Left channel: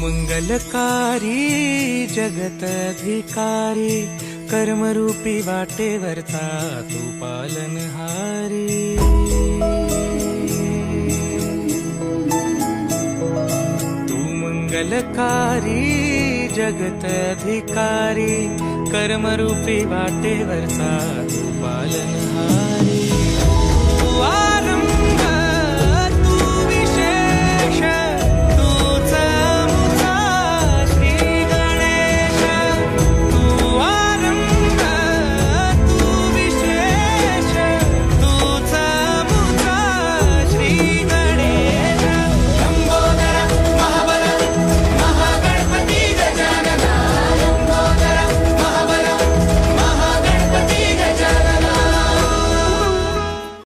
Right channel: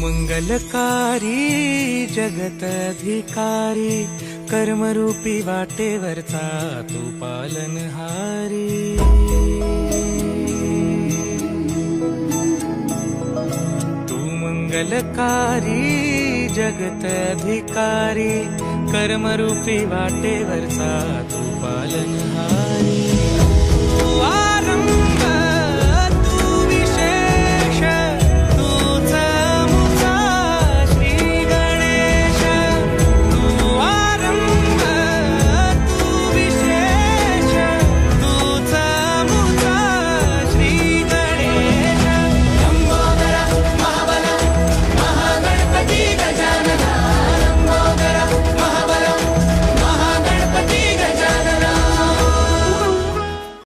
मंगलकारी जगत अधिकारी, कर्मरूपी वाटेवरचा तू पालनहारी। तू मंगलकारी जगत अधिकारी, कर्मरूपी वाटेवरचा तू पालनहारी।